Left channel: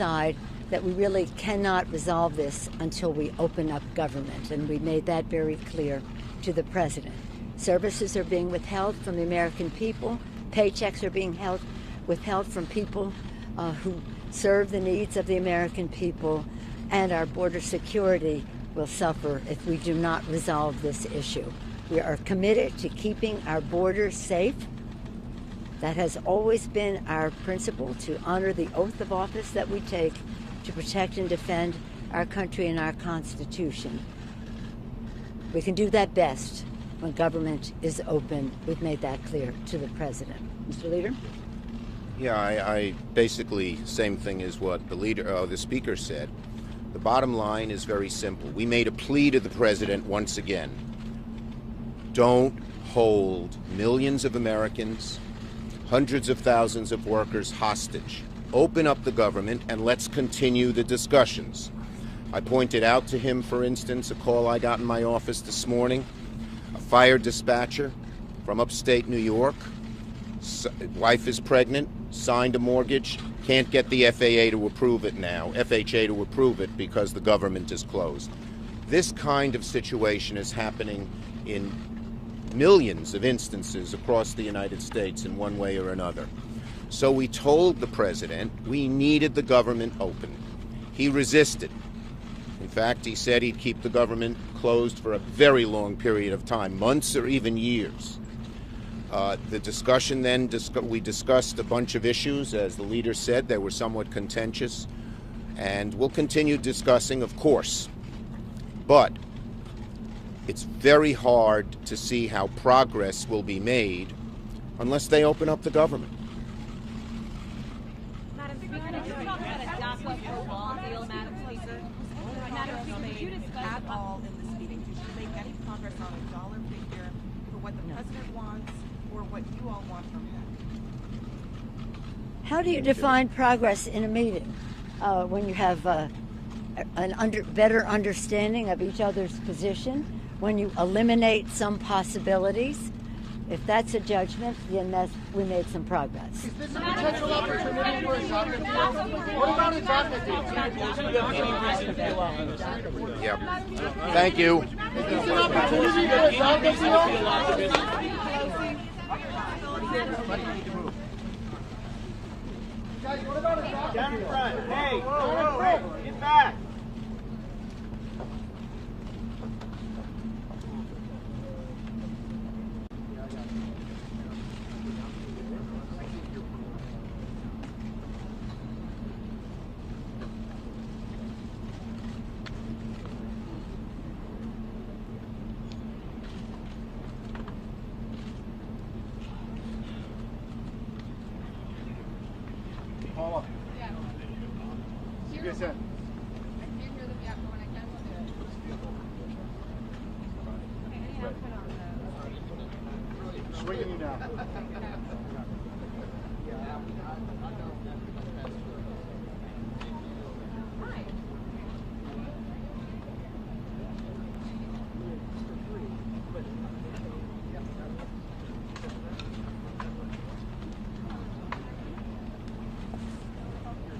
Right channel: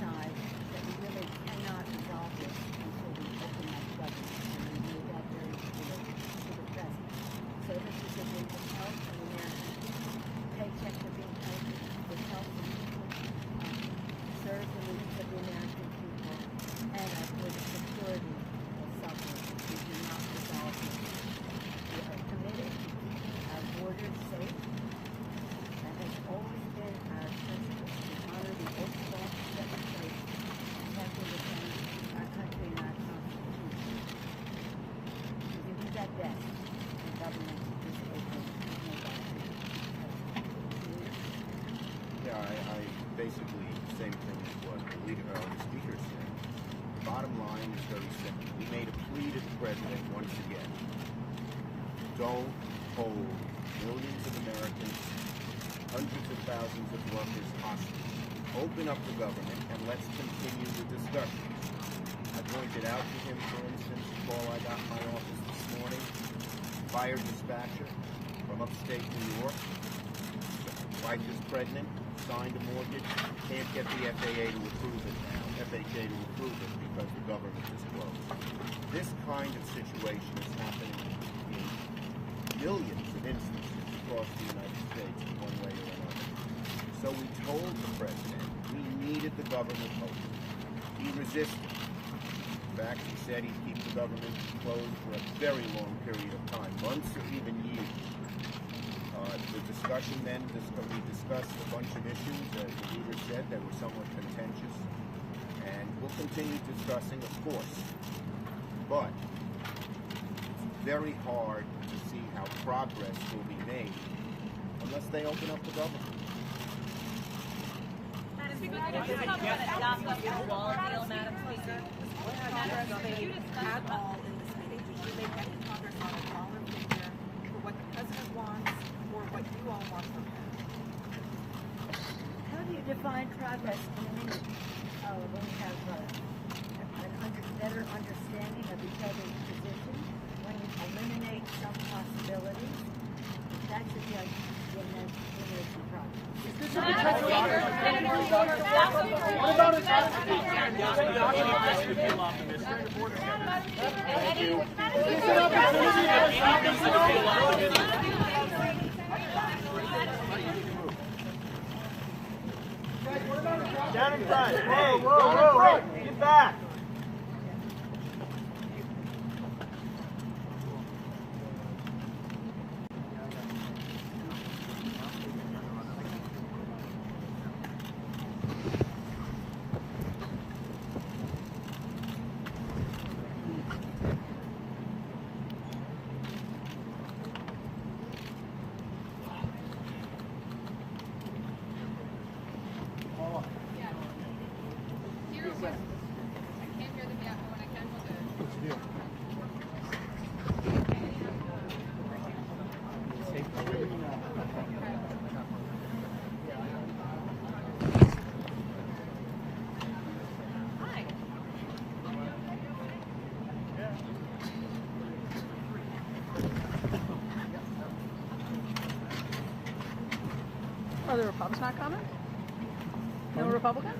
decide that we really cannot resolve this until we open up government, and we made that very clear to the president. Services are being withheld from the American people. Paychecks are being withheld from people who serve the needs of the American people, and our border security will suffer if we do not resolve this issue. We are committed to keeping our borders safe. That has always been our principle, to honor the oath of office that we take to protect and defend our country and our Constitution. We can do that best when government is open. We've made that clear to the president. Mr. Leader? Yeah, I basically same thing as what the speaker said. The bottom line is very simple. We made a plea to the president once again. Don't hold millions of Americans, hundreds of thousands of workers hostage. Open up the government and let's continue the discussions. I pointed out to him, for instance, a call I got in my office this morning. A fire dispatcher from upstate New York. Wife is pregnant, signed a mortgage, can't get the FAA to approve it now, FHA to approve it because the government is closed. This kind of situation is happening in millions of instances across the United States in one way or another. So we told the president we needed the government open. He resisted. In fact, he said he'd keep the government closed for a very long period of time, months or even years. The discussion then, we discussed a bunch of issues. As the leader said, they were somewhat contentious. And we'll continue discussing, of course. But it's very hard to see how progress will be made unless they open up the government. How do you define progress in a meeting when you have better understanding of each other's position, when you eliminate some possibilities? If that's a judgment, then we made some progress. Is this a potential opportunity for what about a Yep. Thank you. Is this an opportunity to resolve this deal? Down in front. Hey, down in front. Get back. Are the Republicans not coming? No Republicans?